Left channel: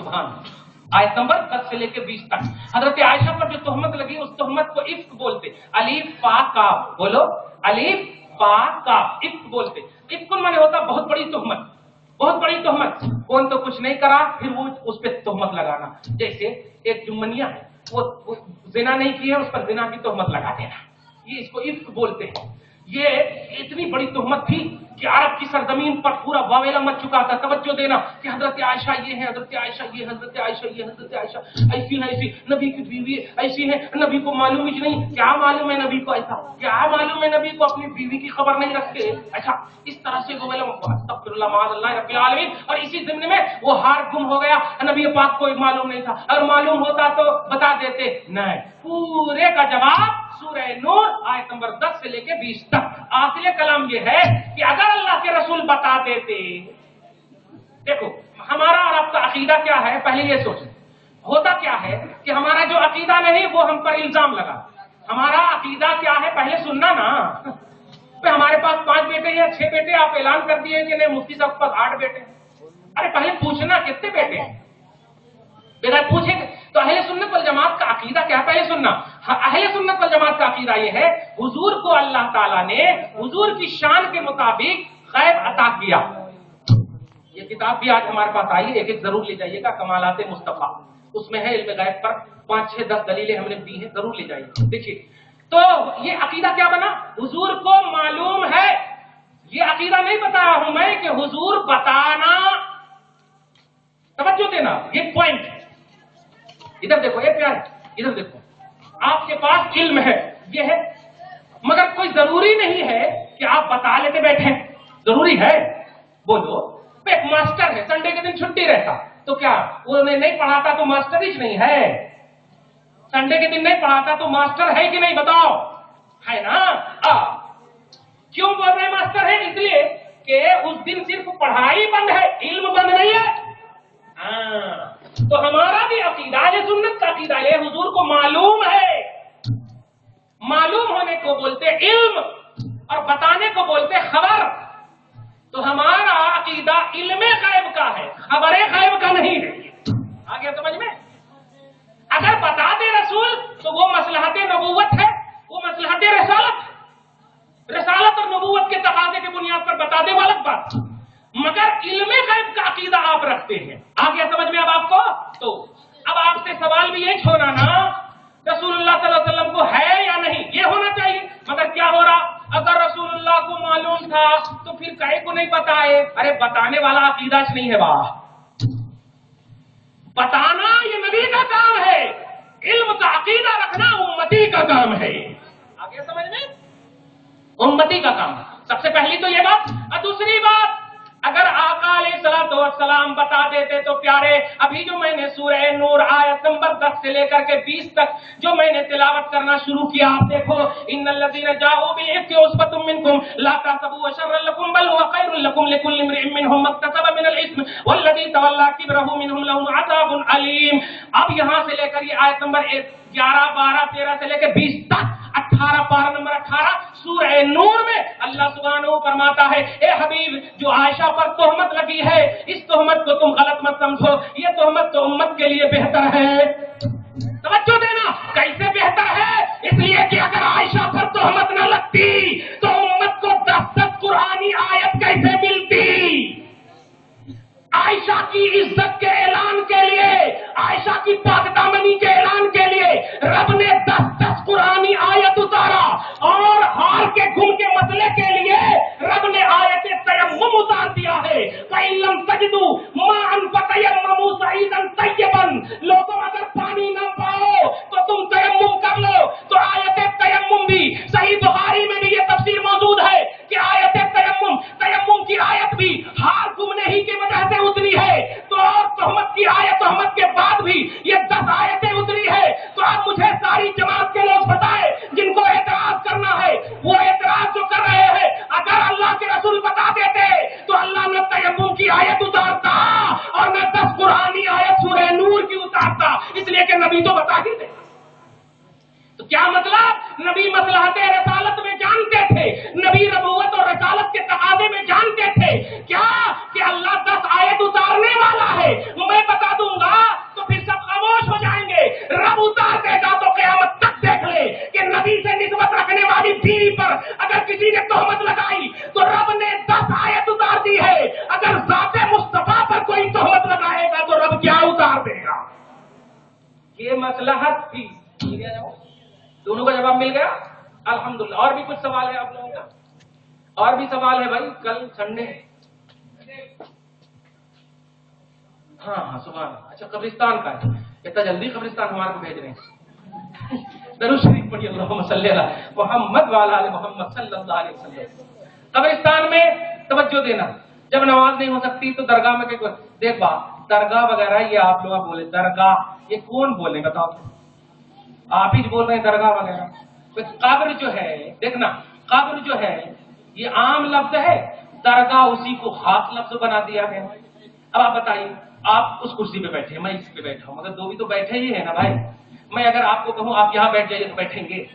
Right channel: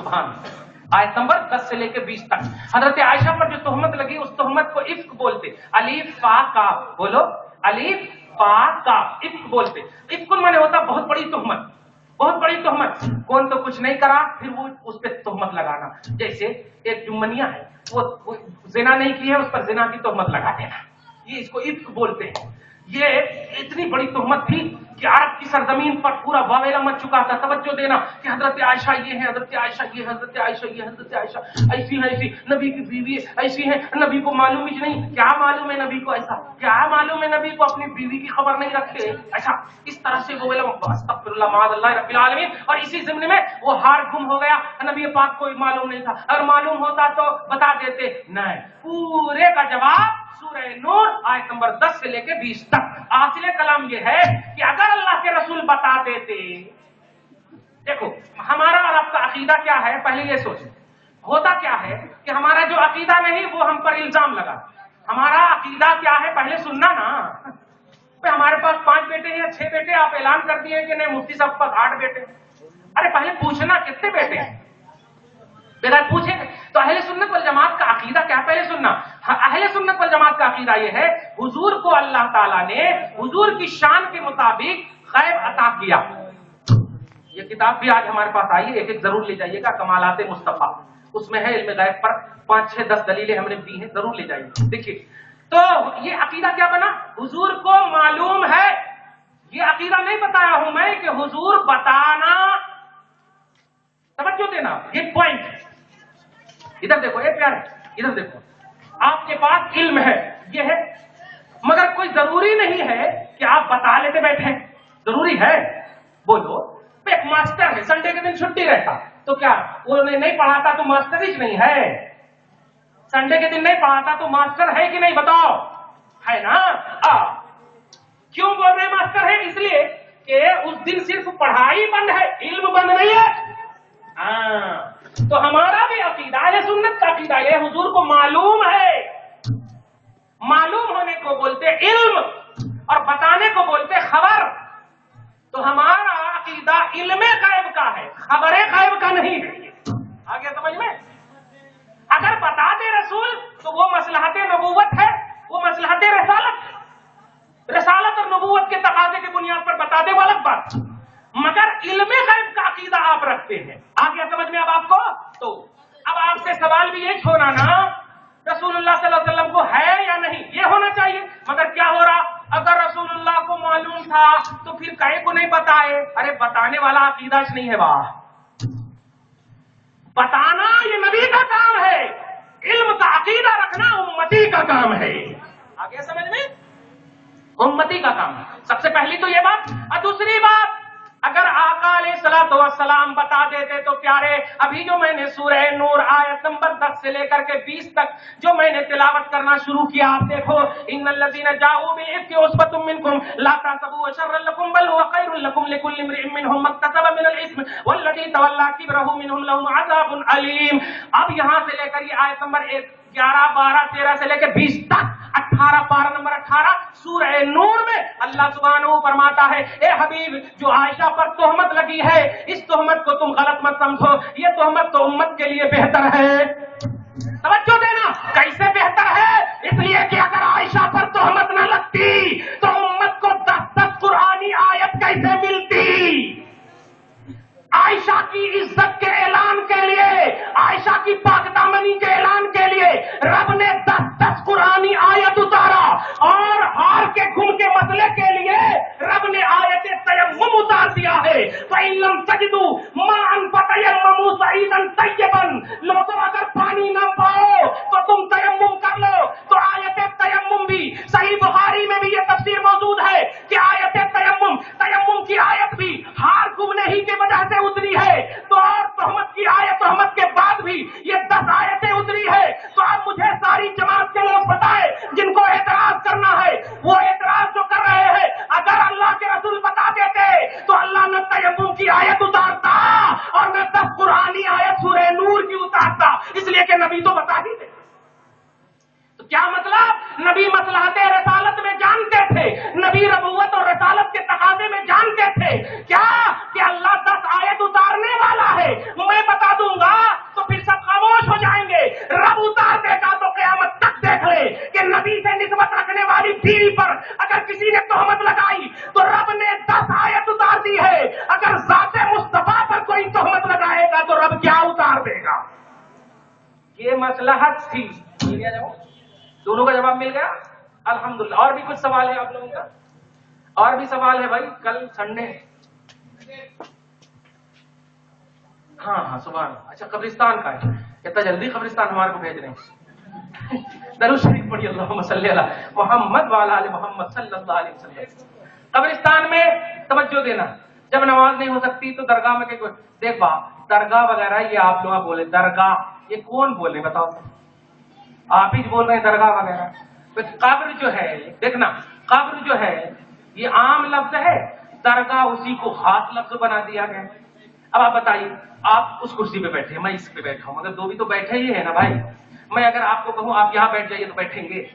सुभान। आयत नंबर 10 से लेकर 20 तक हजरत आयशा पर जो तोहमत लगी उस तोहमत को इफ्क बोलते। अलीफ फा का बोलो, अलीफ फा का इफ्क बोलते। इफ्क माने होता बहुत बड़ी तोहमत, बहुत बड़ी तोहमत। कौन तो कुछ नहीं करा फिर वो उस पर तोहमत लगाना। जैसे एक जुम्मनिया है, वो जिना नहीं की है, उस पर जिना की तोहमत लगा देना, ये इसको इफ्क बोलते हैं। ये इतनी बड़ी तोहमत थी कि अरब की सरजमीन पर पूरा वावेला मच चुका था। तवज्जो देना कि हजरत आयशा ये है, हजरत आयशा ये, हजरत आयशा ये, हजरत आयशा ऐसी है, ऐसी नबी की बीवी ऐसी है, नबी को मालूम ही नहीं। क्या मालूम है नबी को ऐसा, क्या मालूम है नबी को अपनी बीवी की खबर नहीं रखते ऐसा। इस तरह से अस्तगफिरुल्लाह माअल्लाह रब्बिल आलमीन। और इसी ज़िम्न में वो हार गुम हो गया, नबी पाक को मालूम नहीं था, और मालूम होता तो बता देते नहीं। पूरे का जवाब सूरह नूर आयत नंबर 10 से लेकर 20 तक। आसिल कलाम ये है कि अगर अल्लाह के रसूल बता देते, देखो हमारा और आपका अकीदा क्या है, पहले ये सोचें। होता क्या है कि हमारा जो अकीदा नहीं वो हम पर इल्जाम लगा। हमारा अकीदा क्या है पहले सुनना ना। तो हमारे पास 5 बेटे या 6 बेटे, आप ऐलान कर दिए कि नहीं मुफ्ती साहब के पास 8 बेटे। अरे पहले पूछना कितने बेटे हैं, बेटा पूछेंगे। तो अहले सुन्नत वल जमात का अकीदा क्या है पहले सुनना। अहले सुन्नत वल जमात का अकीदा यह है हुजूर को अल्लाह ताला ने हुजूर की शान के मुताबिक गैब अता किया। ये किताब भी आज हमारे पास आई है, एक एक जरूर ले जाइएगा, कमालाते मुस्तफा, उसमें है इल्म गैब पर 5, 6, 10 दलीलें हमने दी हैं, जरूर ले जाइए। देखिए तो ये अकीदा क्या बना, हुजूर को मालूम है। ये अकीदा नहीं बताया हूं मैं कि हुजूर बताना, तवज्जो देना, ये पॉइंट है। इधर देखो ये प्यारे, इधर देखो, आपके पास इल्म है, ये है, मगर कोई जरूरी नहीं है कि आप बता लेते बैठे। जरूरी है बोलो। एक मास्टर है, संडे के दिन छुट्टी रहता तो क्या वो नहीं पढ़ाता तो मास्टर ही नहीं है। संडे के दिन नहीं पढ़ाता तो मास्टर है कि नहीं बताओ, है ना। क्यों बोल रहे मास्टर है, इसलिए कि उस दिन सिर्फ पढ़ाई बंद है, इल्म बंद नहीं है। तो हमारा भी अकीदा है, सुन्नत का अकीदा है, हुजूर को मालूम है। मालूम होने को बोलते इल्म और बताने को बोलते खबर। तो हमारा अकीदा इल्मे गैब का है, खबरे गैब का नहीं है। आ गया समझ में। अगर बता दे रसूल तो वो मसलहते नबूवत है, वो मसलहते रसालत है। रसालत और नबूवत के तकाजे की बुनियाद पर बता दे वो अलग बात, मगर इल्मे गैब का अकीदा आप रखते हैं। आ गया समझ में अब आपको। तो अब आपसे सवाल भी ये छोड़ा ना, रसूलुल्लाह सल्लल्लाहु अलैहि वसल्लम को है या नहीं, ये होना चाहिए। मगर क्या हो रहा, अगर रसूलुल्लाह को मालूम था तो फिर काहे को नहीं बताए। अरे बताने वाला अकीदा नहीं है, वाह, बताना ये नबी का काम है, इल्म का अकीदा रखना उम्मती का काम है। आ गया समझ में, उम्मती का काम है। सबसे पहली तो ये बात। और दूसरी बात, अगर आका अलैहिस्सलातु वस्सलाम बता देते तो प्यारे, अभी जो मैंने सूरह नूर आयत नंबर 10 से लेकर के 20 तक जो मैंने तिलावत करना शुरू किया, आप देखो, इन्नल्लज़ीना जाऊ बिल-इफ्की उस्बतुम मिनकुम ला तहसबू शर्रन लकुम बल हुवा खैरुल लकुम लिकुल्लि इम्रिइन मिनहुम मक्तसब मिनल इस्म वल्लज़ी तवल्ला किब्रहु मिनहुम लहुम अज़ाबुन अलीम। अब यहां से लेकर ये आयत नंबर 11, 12, 13 से लेकर 20 तक 18 पारा नंबर 18 सूरह नूर में अल्लाह सुब्हानहू फरमाता है, ए हबीब जो आयशा पर तोहमत लगी है, इस तोहमत को तुम गलत मत समझो, ये तोहमत तो उम्मत के लिए बेहतर है। तवज्जो देना, कैसे बेहतर है, इसलिए कि अगर आयशा पर तोहमत न लगती तो उम्मत को 10 कुरानी आयत कैसे मिलती। आयशा की इज्जत के ऐलान के लिए, आयशा की पाकदामनी के ऐलान के लिए रब ने 10 कुरानी आयत उतारा, और हार के घुम के मसले के लिए रब ने आयत तयम्मुम उतार दिया है। फ़इल्लम तजिदू माअन फ़तयम्ममू सईदन तय्यबन, लोगों अगर पानी न पाओ तो तुम तयम्मुम कर लो। तो आयत तयम्मुम भी सही बुखारी में भी ये तफसीर मौजूद है कि आयत तयम्मुम, तयम्मुम की आयत भी हार घुमने ही की वजह से उतरी है। तो और तोहमत की आयत, तोहमत के बाद भी ये 10 आयतें उतरी है। तो अब मुझे सारी जमात के लोग बताए जिनको एतराज करना है, वो एतराज जो कर रहे हैं, अगर अल्लाह के रसूल बता देते तो अल्लाह न तयम्मुम की आयत उतारता और न 10 कुरानी आयत सूरह नूर की उतारता, इसलिए कि नबी तो बता ही थे। तो क्या मतलब, नबी मसलहते रसालत में जानते थे, नबी रबूवत और रसालत के तकाजे में जानते थे क्या कि अल्लाह 10 आयत उतारने वाला है। मैं बता दूंगा ये मसलहत थी। मिल गया जवाब? दोनों का जवाब मिल गया अल्हम्दुलिल्लाह। और भी कुछ सवाल है आप लोगों का? और भी सवाल है भाई, कल संडे है। हाँ सुभान। अच्छा कब्रिस्तान का है, इतना जल्दी कब्रिस्तान हमारे को भेज रहे हैं। दरूद शरीफ पढ़िए, अल्लाहुम्मा सल्ली अला मुहम्मद व अला आलि मुहम्मद सल्लल्लाहु अलैहि वसल्लम। कब्रिस्तान में तवज्जो देना, जब नमाज नहीं हो सकती तो दरगाह में देख बा दरगाह वगैरह, ये आप लोग बोले दरगाह, ये कौन बोले बताओ? आप ही बोल रहे हैं दरगाह वगैरह। तो कब्र जो है, देखना कब्र जो है ये आम लफ्ज है, दरगाह उसी को खास लफ्ज बना दिया गया। अब आप बताइए, आप उस कुर्सी पे बैठे, मैं इस पे बैठा हूं, मगर दो भी तो बैठे ही है ना भाई। मैं अगर आपको कहूं आप यहाँ बैठ जाइए तो बैठेंगे,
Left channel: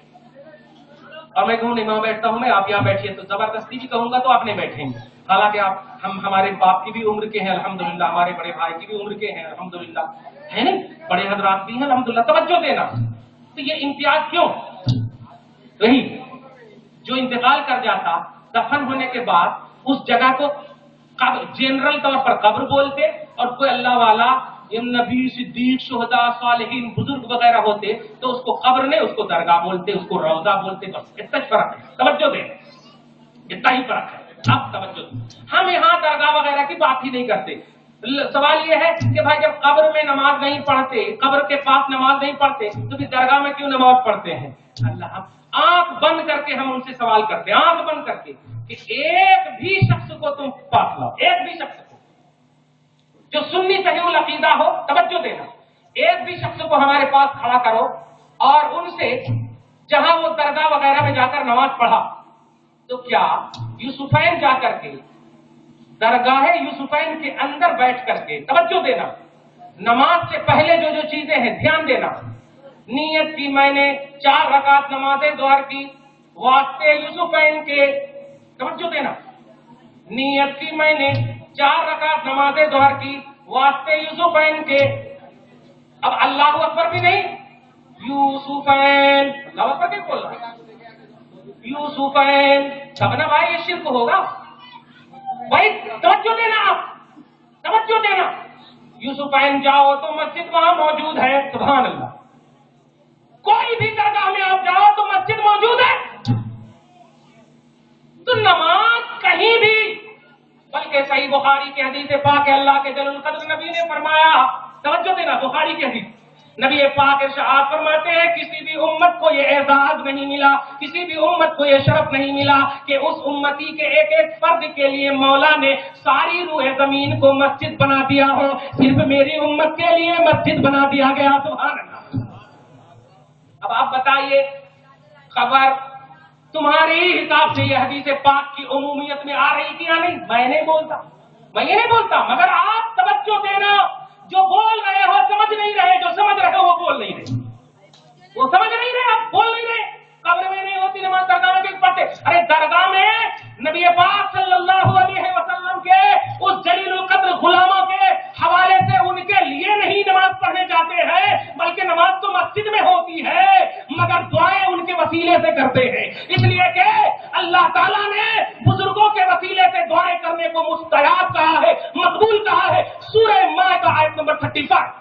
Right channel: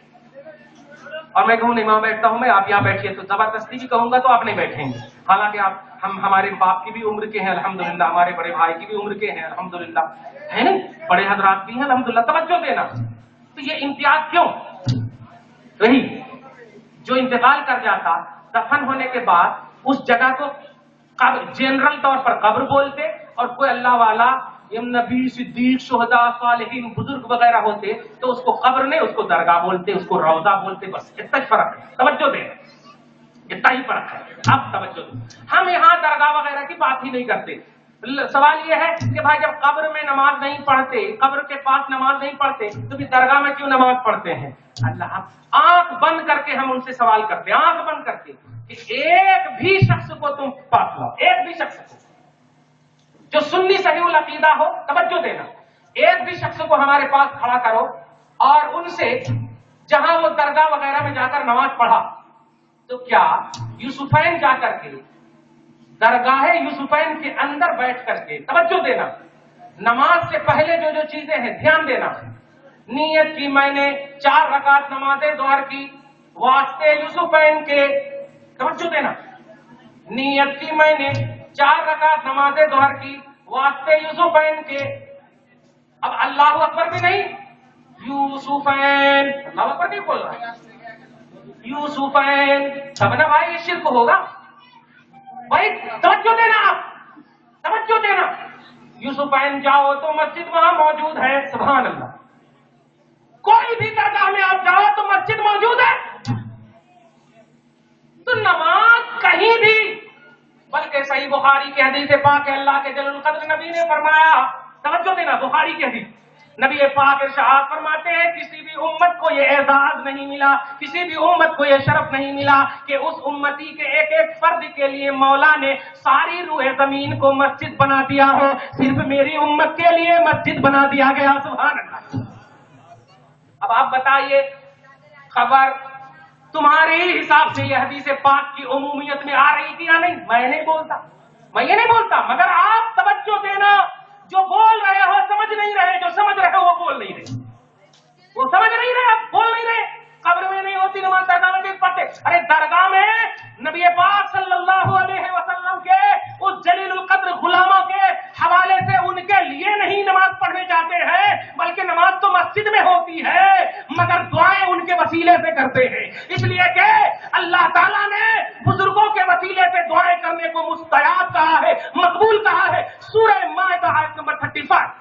और मैं कहूं नहीं वहां बैठता हूं मैं, आप यहाँ बैठिए, तो जबरदस्ती भी कहूंगा तो आप नहीं बैठेंगे। हालांकि आप हम हमारे बाप की भी उम्र के हैं अल्हम्दुलिल्लाह, हमारे बड़े भाई की भी उम्र के हैं अल्हम्दुलिल्लाह, है नहीं, बड़े हजरात भी हैं अल्हम्दुलिल्लाह। तवज्जो देना। तो ये इम्तियाज क्यों? वही जो इंतकाल कर जाता, दफन होने के बाद उस जगह को कब्र, जनरल तौर पर कब्र बोलते, और कोई अल्लाह वाला नबी सिद्दीक शुहदा सालिहीन बुजुर्ग वगैरह होते तो उसको कब्र नहीं, उसको दरगाह बोलते, उसको रौजा बोलते। बस इतना ही फर्क है, तवज्जो देना, इतना ही फर्क है। अब तवज्जो दे, हम यहाँ दरगाह वगैरह की बात ही नहीं करते। सवाल यह है कि भाई जब कब्र में नमाज नहीं पढ़ते, कब्र के पास नमाज नहीं पढ़ते, तो फिर दरगाह में क्यों नमाज पढ़ते हैं? अल्लाह, आंख बंद करके हम उनसे सवाल करते हैं, आंख बंद करके, कि एक भी शख्स को तुम पास लाओ, एक भी शख्स को जो सुन्नी सहीउल अकीदा हो, तवज्जो देना, एक भी शख्स को हमारे पास खड़ा करो और उनसे जहां वो दरगाह वगैरह में जाकर नमाज पढ़ा, तो क्या यूसुफैन जाकर के दरगाह यूसुफैन के अंदर बैठ करके, तवज्जो देना, नमाज से पहले जो जो चीजें हैं ध्यान देना, नियत की मैंने 4 रकात नमाज़े ज़ोहर की वास्ते यूसुफैन के, तवज्जो देना, नियत की मैंने 4 रकात नमाज़े ज़ोहर की वास्ते यूसुफैन के। अब अल्लाहु अकबर भी नहीं, यूसुफैन, अल्लाहु अकबर नहीं बोल रहा, यूसुफैन, तब ना भाई ये शिर्क होगा भाई। तवज्जो देना, आप तवज्जो देना, यूसुफैन जाओ तो मस्जिद वहां मौजूद है, सुभान अल्लाह। कोई भी दरगाह में आप जाओ तो मस्जिद मौजूद है। तो नमाज कहीं भी, बल्कि सही बुखारी के हदीस पाक है, अल्लाह के जल्लुल कद्र नबी ने फरमाया, तवज्जो देना, बुखारी के हदीस, नबी पाक इरशाद फरमाते हैं, किसी भी उम्मत को ये एजाज नहीं मिला, किसी भी उम्मत को ये शरफ नहीं मिला कि उस उम्मती के एक एक फर्द के लिए मौला ने सारी रूह जमीन को मस्जिद बना दिया हो, सिर्फ मेरी उम्मत के लिए मस्जिद बना दिया गया, सुभान अल्लाह। अब आप बताइए, खबर तुम्हारे हिसाब से यह हदीस पाक की उमूमियत में आ रही कि या नहीं? मैं नहीं बोलता, मैं ये नहीं बोलता, मगर आप तवज्जो देना, जो बोल रहे हो समझ नहीं रहे, जो समझ रहे हो वो बोल नहीं रहे, वो समझ नहीं रहे, आप बोल नहीं रहे। कब्र में नहीं होती नमाज, दरगाह में क्यों पढ़ते? अरे दरगाह में नबी पाक सल्लल्लाहु अलैहि वसल्लम के उस जलीलुल कद्र गुलामों के हवाले से उनके लिए नहीं नमाज पढ़ने जाते हैं, बल्कि नमाज तो मस्जिद में होती है, मगर दुआएं उनके वसीले से करते हैं, इसलिए कि अल्लाह ताला ने बुजुर्गों के वसीले से दुआएं करने को मुस्तजाब कहा है, मकबूल कहा है। सूरह माइदा आयत नंबर 35,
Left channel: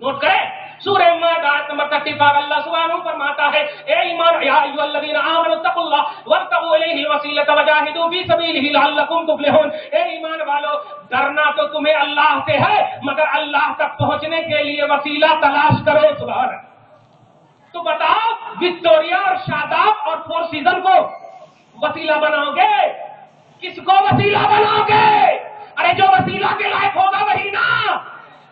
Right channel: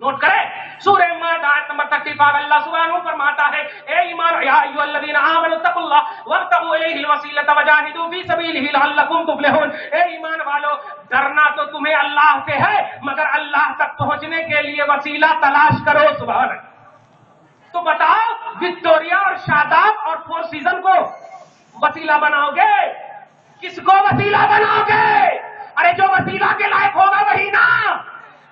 नोट करें, सूरह माइदा आयत नंबर 35, अल्लाह सुब्हानहू फरमाता है, ए ईमान या अय्युहल्लज़ीना आमनू तक़ुल्लाह वब्तगू इलैहिल वसीलत वजाहिदू फी सबीलिही लअल्लकुम तुफ्लिहून। ए ईमान वालो, डरना तो तुम्हें अल्लाह से है, मगर अल्लाह तक पहुंचने के लिए वसीला तलाश करो, सुभान अल्लाह। तो बताओ, विक्टोरिया और शादाब और फोर सीजन को वसीला बनाओगे? किसको वसीला बनाओगे? अरे जो वसीला के लायक होगा वही ना,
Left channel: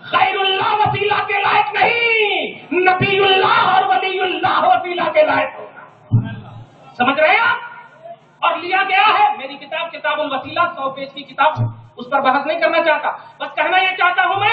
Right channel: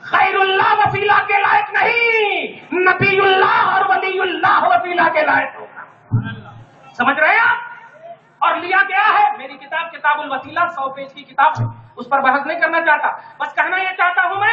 खैरुल्लाह वसीला के लायक नहीं, नबीउल्लाह और वलीउल्लाह वसीला के लायक होगा। समझ रहे हैं आप? और लिया गया है, मेरी किताब किताबुल वसीला 100 पेज की किताब है, उस पर बहस नहीं करना चाहता, बस कहना यह चाहता हूं मैं